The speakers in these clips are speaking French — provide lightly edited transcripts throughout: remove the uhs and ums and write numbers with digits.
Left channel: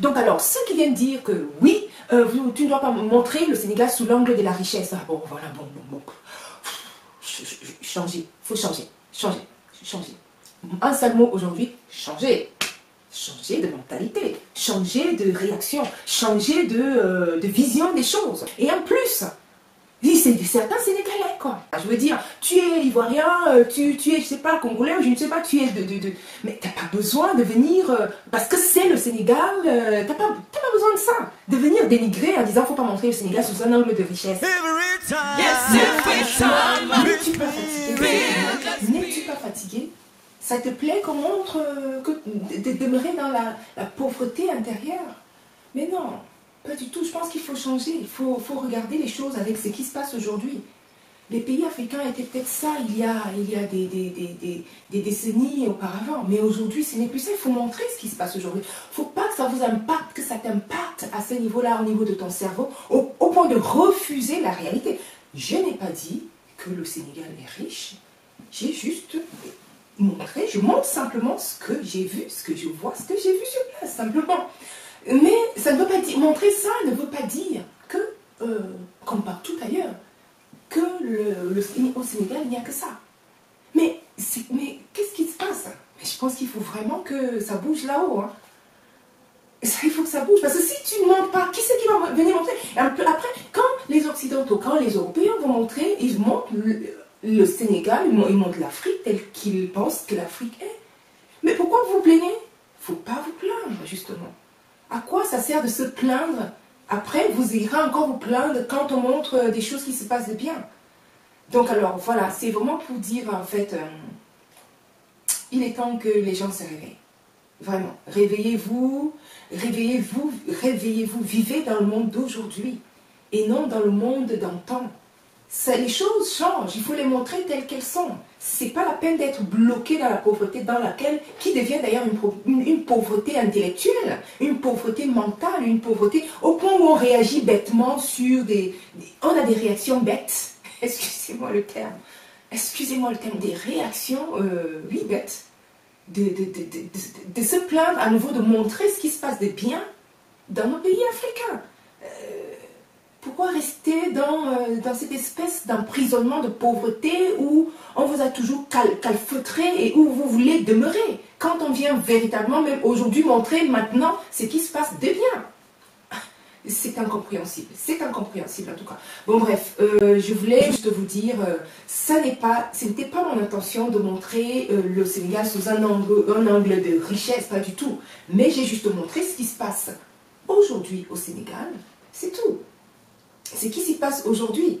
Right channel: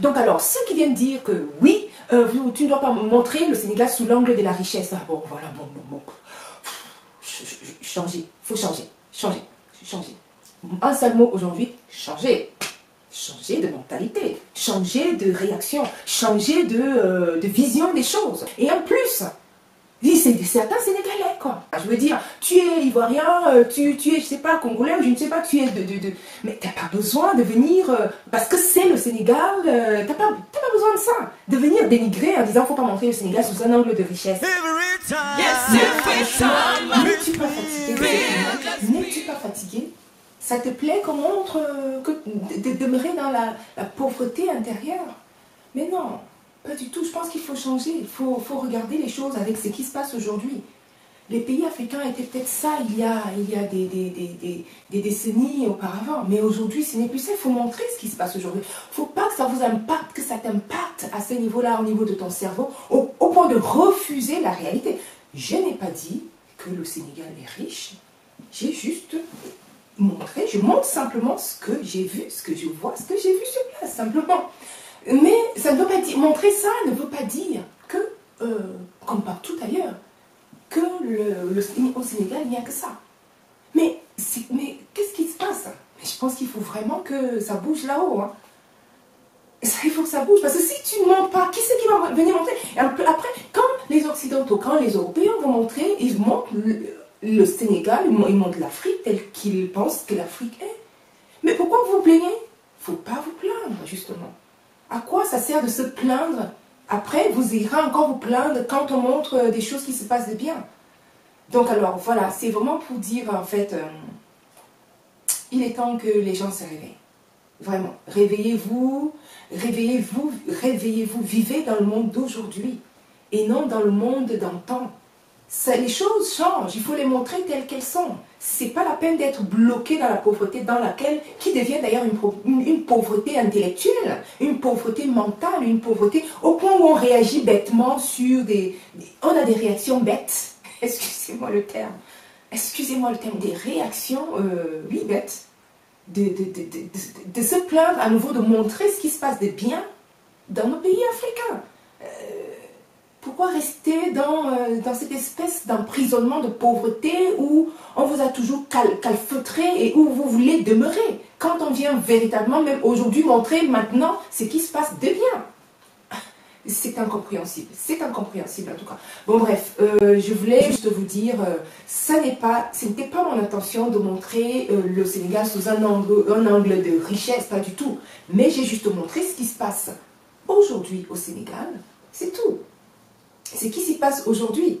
Donc alors, ceux qui viennent dire que oui, tu ne dois pas montrer le Sénégal sous l'angle de la richesse. Ah, bon, voilà, bon. Changer, il faut changer. Un seul mot aujourd'hui, changer. Changer de mentalité, changer de réaction, changer de vision des choses. Et en plus, c'est certains Sénégalais, quoi. Je veux dire, tu es Ivoirien, tu es, je sais pas, Congolais, ou je ne sais pas, tu es mais t'as pas besoin de venir, parce que c'est le Sénégal, t'as pas besoin de ça. De venir dénigrer en disant, faut pas montrer le Sénégal sous un angle de richesse. Every time, N'es-tu pas fatigué? Ça te plaît qu'on montre de demeurer dans la pauvreté intérieure? Mais non. Pas du tout, je pense qu'il faut changer, il faut regarder les choses avec ce qui se passe aujourd'hui. Les pays africains étaient peut-être ça il y a des décennies auparavant, mais aujourd'hui ce n'est plus ça, il faut montrer ce qui se passe aujourd'hui. Il ne faut pas que ça vous impacte, que ça t'impacte à ce niveau-là, au niveau de ton cerveau, au point de refuser la réalité. Je n'ai pas dit que le Sénégal est riche, j'ai juste montré, je montre simplement ce que j'ai vu, ce que je vois, ce que j'ai vu sur place, simplement. Mais ça ne veut pas dire, montrer ça ne veut pas dire que, comme partout ailleurs, que au Sénégal, il n'y a que ça. Mais qu'est-ce qui se passe? Je pense qu'il faut vraiment que ça bouge là-haut. Hein. Il faut que ça bouge, parce que si tu ne montres pas, qui c'est qui va venir montrer? Et après, quand les Occidentaux, quand les Européens vont montrer, ils montrent le Sénégal, ils montrent l'Afrique telle qu'ils pensent que l'Afrique est. Mais pourquoi vous vous plaignez? Il ne faut pas vous plaindre, justement. À quoi ça sert de se plaindre? Après, vous irez encore vous plaindre quand on montre des choses qui se passent de bien. Donc alors, voilà, c'est vraiment pour dire, en fait, il est temps que les gens se réveillent. Vraiment, réveillez-vous, vivez dans le monde d'aujourd'hui et non dans le monde d'antan. Les choses changent, il faut les montrer telles qu'elles sont. C'est pas la peine d'être bloqué dans la pauvreté qui devient d'ailleurs une pauvreté intellectuelle, une pauvreté mentale, une pauvreté au point où on réagit bêtement sur on a des réactions bêtes, excusez-moi le terme, des réactions, oui, bêtes, de se plaindre à nouveau, de montrer ce qui se passe de bien dans nos pays africains. Pourquoi rester dans cette espèce d'emprisonnement de pauvreté où on vous a toujours calfeutré et où vous voulez demeurer? Quand on vient véritablement, même aujourd'hui, montrer maintenant ce qui se passe de bien. C'est incompréhensible en tout cas. Bon bref, je voulais juste vous dire, ce n'était pas mon intention de montrer le Sénégal sous un angle de richesse, pas du tout. Mais j'ai juste montré ce qui se passe aujourd'hui au Sénégal, c'est tout. Ce qui s'y passe aujourd'hui.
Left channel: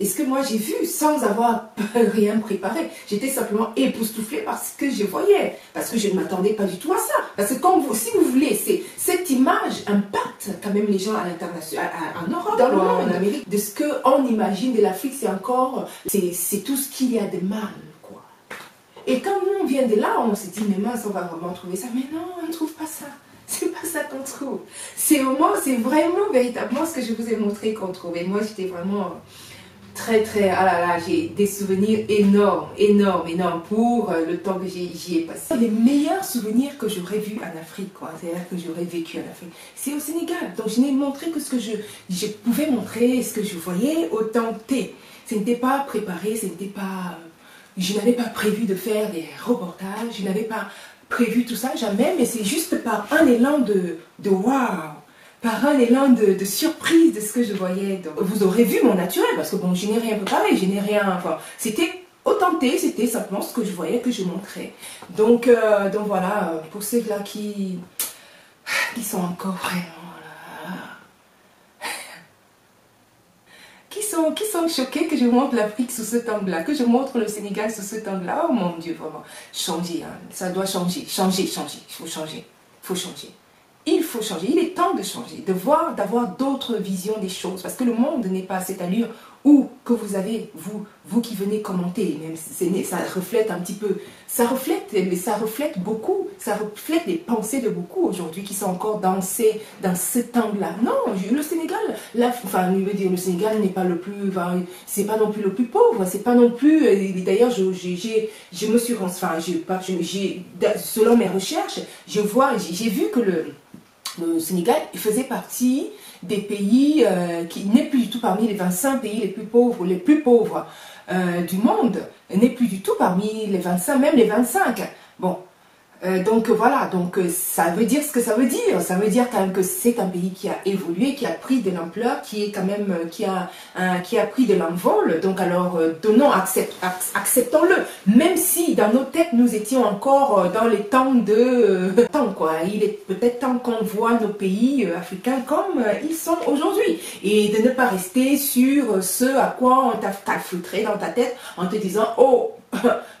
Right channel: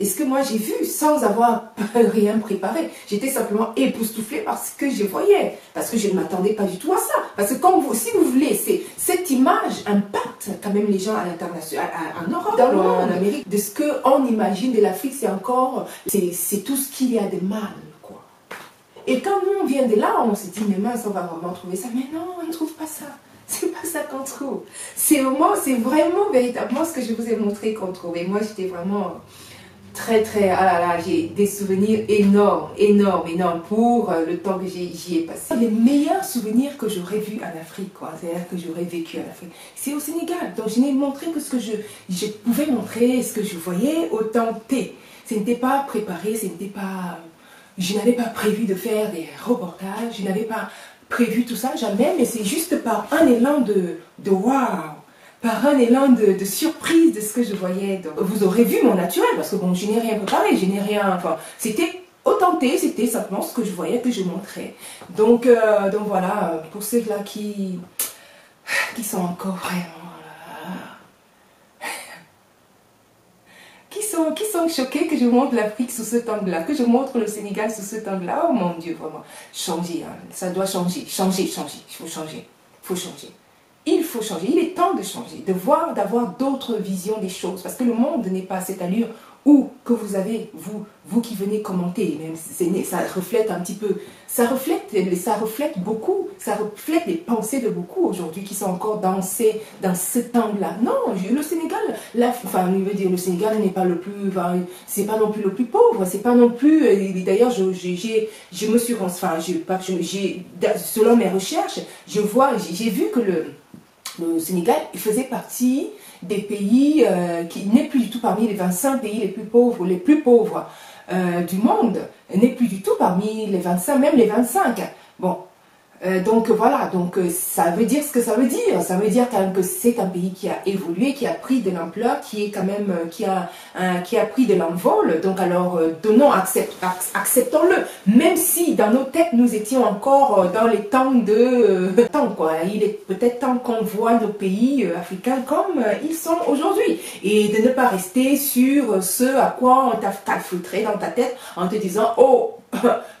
Et ce que moi j'ai vu sans avoir rien préparé. J'étais simplement époustouflée par ce que je voyais. Parce que je ne m'attendais pas du tout à ça. Parce que comme vous, si vous voulez, cette image impacte quand même les gens à l'international, en Europe, dans le monde, en Amérique. De ce qu'on imagine de l'Afrique, c'est tout ce qu'il y a de mal, quoi. Et quand nous on vient de là, on se dit, mais mince, on va vraiment trouver ça. Mais non, on ne trouve pas ça. C'est pas ça qu'on trouve. C'est vraiment véritablement ce que je vous ai montré qu'on trouve. Et moi, j'étais vraiment très, ah là là, j'ai des souvenirs énormes pour le temps que j'y ai passé. Les meilleurs souvenirs que j'aurais vus en Afrique, quoi, c'est-à-dire que j'aurais vécu en Afrique, c'est au Sénégal. Donc, je n'ai montré que ce que je pouvais montrer, ce que je voyais, autant T. Ce n'était pas préparé, je n'avais pas prévu de faire des reportages, je n'avais pas prévu tout ça, jamais, mais c'est juste par un élan de waouh, par un élan de surprise de ce que je voyais. Donc, vous aurez vu mon naturel, parce que bon, je n'ai rien préparé, je n'ai rien, enfin, c'était authentique, c'était simplement ce que je voyais, que je montrais. Donc voilà, pour ceux-là qui sont encore vraiment... qui sont choqués que je montre l'Afrique sous cet angle-là, que je montre le Sénégal sous cet angle-là. Oh mon Dieu, vraiment, changer, hein. Ça doit changer, il faut changer, il faut changer, il est temps de changer, d'avoir d'autres visions des choses, parce que le monde n'est pas à cette allure où que vous avez, vous qui venez commenter, même ça reflète un petit peu, ça reflète beaucoup, ça reflète les pensées de beaucoup aujourd'hui qui sont encore dans cet angle-là. Non, le Sénégal, je veux dire, le Sénégal n'est pas le plus, c'est pas non plus le plus pauvre, c'est pas non plus, d'ailleurs, je me suis, selon mes recherches, j'ai vu que Le Sénégal, il faisait partie des pays qui n'est plus du tout parmi les 25 pays les plus pauvres du monde, n'est plus du tout parmi les 25, même les 25. Bon, donc voilà, donc ça veut dire ce que ça veut dire. Ça veut dire quand même que c'est un pays qui a évolué, qui a pris de l'ampleur, qui est quand même qui a pris de l'envol. Donc alors donnons, acceptons-le. Même si dans nos têtes nous étions encore dans les temps de temps quoi. Il est peut-être temps qu'on voit nos pays africains comme ils sont aujourd'hui et de ne pas rester sur ce à quoi on t'a calfeutré dans ta tête en te disant oh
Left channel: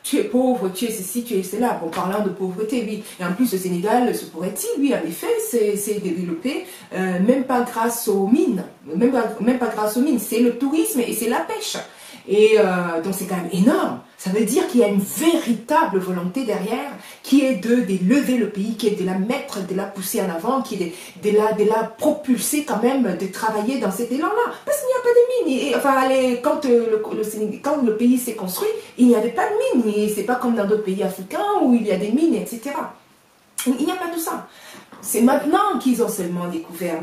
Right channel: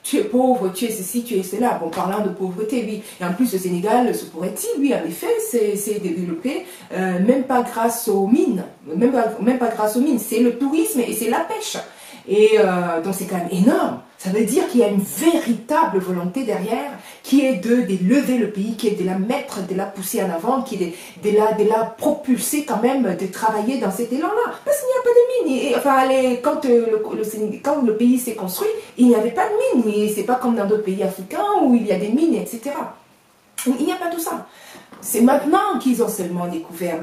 tu es pauvre, tu es ceci, tu es cela. Bon, parlant de pauvreté, oui. Et en plus, le Sénégal, se pourrait-il, oui, en effet, c'est développé, même pas grâce aux mines. Même pas grâce aux mines. C'est le tourisme et c'est la pêche. Et donc, c'est quand même énorme. Ça veut dire qu'il y a une véritable volonté derrière qui est de lever le pays, qui est de la mettre, de la pousser en avant, qui est de la propulser quand même, de travailler dans cet élan-là. Parce qu'il n'y a pas de mines. Et, enfin, quand le pays s'est construit, il n'y avait pas de mines. Et c'est pas comme dans d'autres pays africains où il y a des mines, etc. Il n'y a pas tout ça. C'est maintenant qu'ils ont seulement découvert,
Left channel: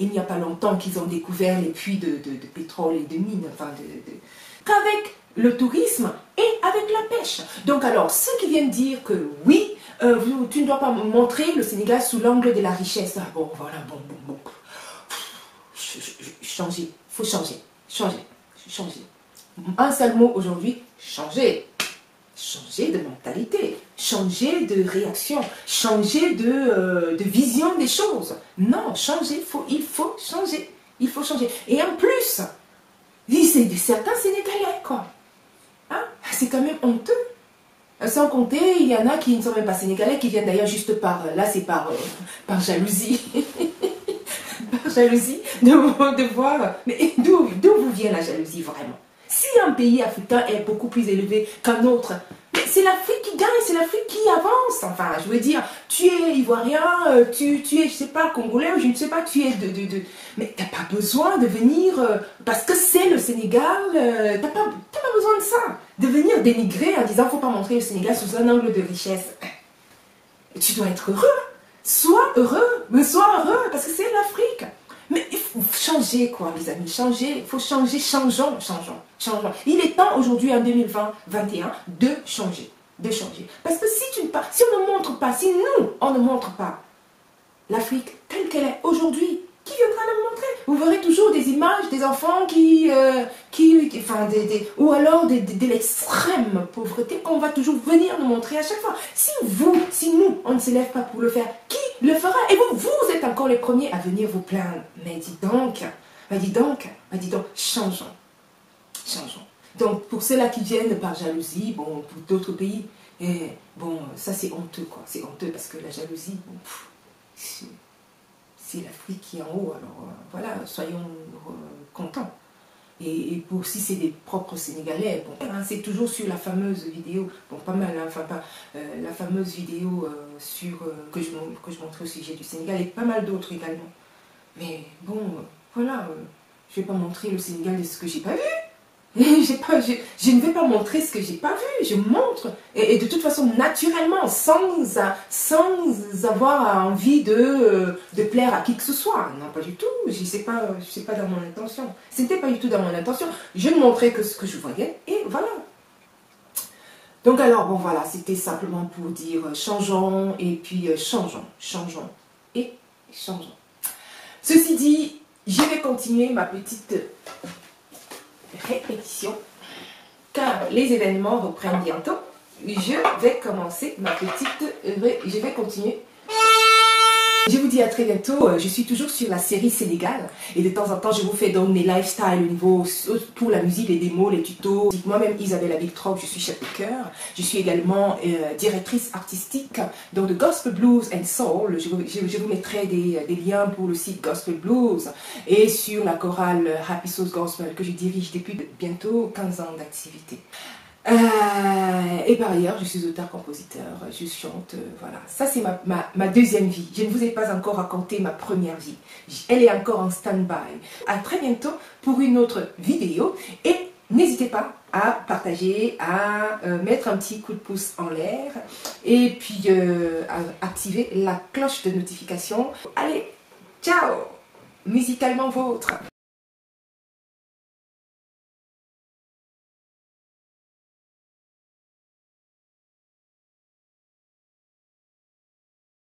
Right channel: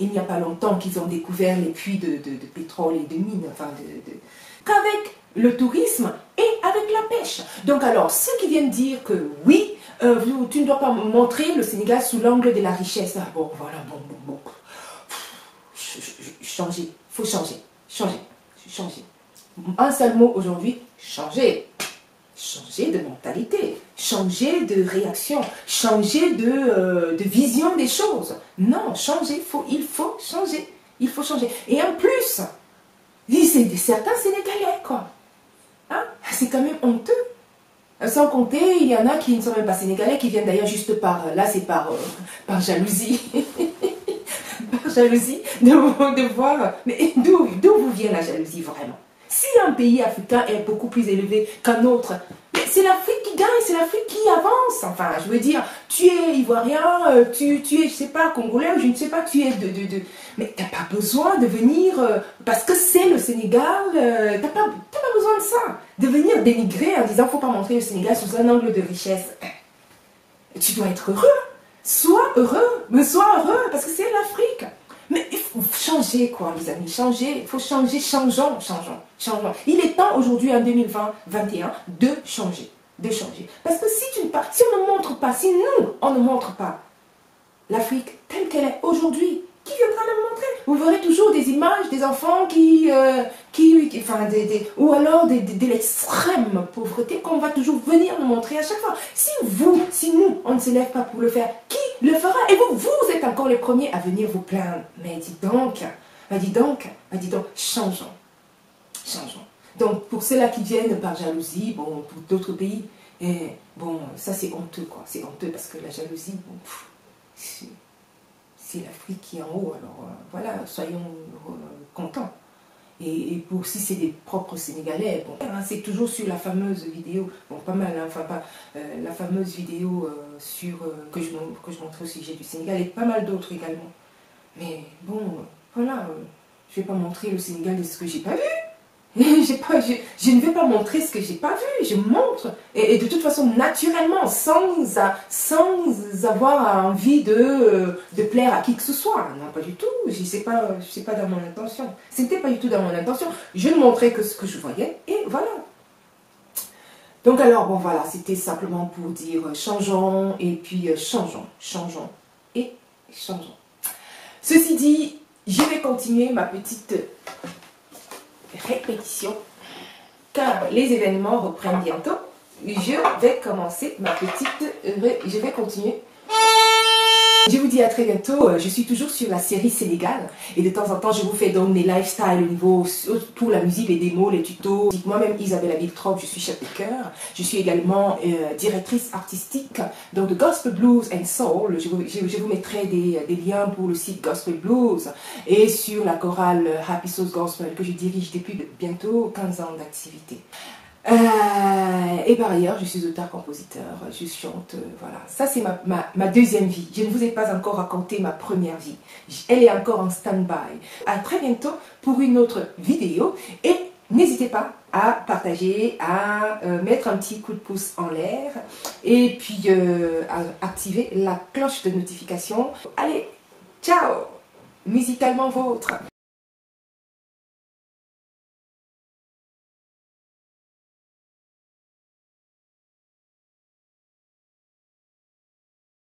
il n'y a pas longtemps qu'ils ont découvert les puits de pétrole et de mines, enfin qu'avec le tourisme et avec la pêche. Donc alors, ceux qui viennent dire que oui, tu ne dois pas montrer le Sénégal sous l'angle de la richesse, ah, bon, voilà, bon. Changer, il faut changer. Un seul mot aujourd'hui, changer. Changer de mentalité, changer de réaction, changer de vision des choses. Non, changer, il faut changer. Et en plus, c'est certains Sénégalais, quoi. Hein? C'est quand même honteux. Sans compter, il y en a qui ne sont même pas Sénégalais, qui viennent d'ailleurs juste par jalousie. Par jalousie de voir. Mais d'où vous vient la jalousie vraiment? Si un pays africain est beaucoup plus élevé qu'un autre, c'est l'Afrique qui gagne, c'est l'Afrique qui avance. Enfin, je veux dire, tu es ivoirien, tu es, je sais pas, congolais, je ne sais pas, tu es mais t'as pas besoin de venir, parce que c'est le Sénégal, t'as pas besoin de ça. De venir dénigrer en disant, faut pas montrer le Sénégal sous un angle de richesse. Tu dois être heureux. Sois heureux, parce que c'est l'Afrique. Mais il faut changer, quoi, les amis, changer, il faut changer, changeons. Il est temps aujourd'hui, en 2021, de changer. Parce que si on ne montre pas, si nous, on ne montre pas l'Afrique telle qu'elle est aujourd'hui, qui viendra la montrer? Vous verrez toujours des images des enfants ou alors de l'extrême pauvreté qu'on va toujours venir nous montrer à chaque fois. Si nous, on ne se lève pas pour le faire, qui le fera? Et vous êtes encore les premiers à venir vous plaindre. Mais dis donc, changeons. Donc, pour ceux-là qui viennent par jalousie, bon, pour d'autres pays, et bon, ça c'est honteux, quoi. C'est honteux parce que la jalousie, bon, c'est l'Afrique qui est en haut, alors voilà, soyons contents. Et pour si c'est des propres Sénégalais, bon, c'est toujours sur la fameuse vidéo, bon pas mal, hein, enfin pas la fameuse vidéo que je montrais au sujet du Sénégal et pas mal d'autres également. Mais bon, voilà, je ne vais pas montrer le Sénégal de ce que j'ai pas vu. Et je ne vais pas montrer ce que j'ai pas vu, je montre. Et de toute façon, naturellement, sans avoir envie de plaire à qui que ce soit. Non, pas du tout. C'est pas dans mon intention. C'était pas du tout dans mon intention. Je ne montrais que ce que je voyais et voilà. Donc alors, bon voilà, c'était simplement pour dire changeons et puis changeons. Ceci dit, je vais continuer ma petite répétition car les événements reprennent bientôt. Je vais commencer ma petite, je vais continuer. Je vous dis à très bientôt. Je suis toujours sur la série Sénégal et de temps en temps je vous fais donc des lifestyles au niveau pour la musique, les démos, les tutos. Moi-même Isabelle Abiltrop, je suis chapicœur. Je suis également directrice artistique donc de Gospel Blues and Soul. Je vous mettrai des liens pour le site Gospel Blues et sur la chorale Happy Souls Gospel que je dirige depuis bientôt 15 ans d'activité. Et par ailleurs, je suis auteur-compositeur, je chante, voilà. Ça, c'est ma deuxième vie. Je ne vous ai pas encore raconté ma première vie. Elle est encore en stand-by. À très bientôt pour une autre vidéo. Et n'hésitez pas à partager, à mettre un petit coup de pouce en l'air et puis à activer la cloche de notification. Allez, ciao! Musicalement vôtre!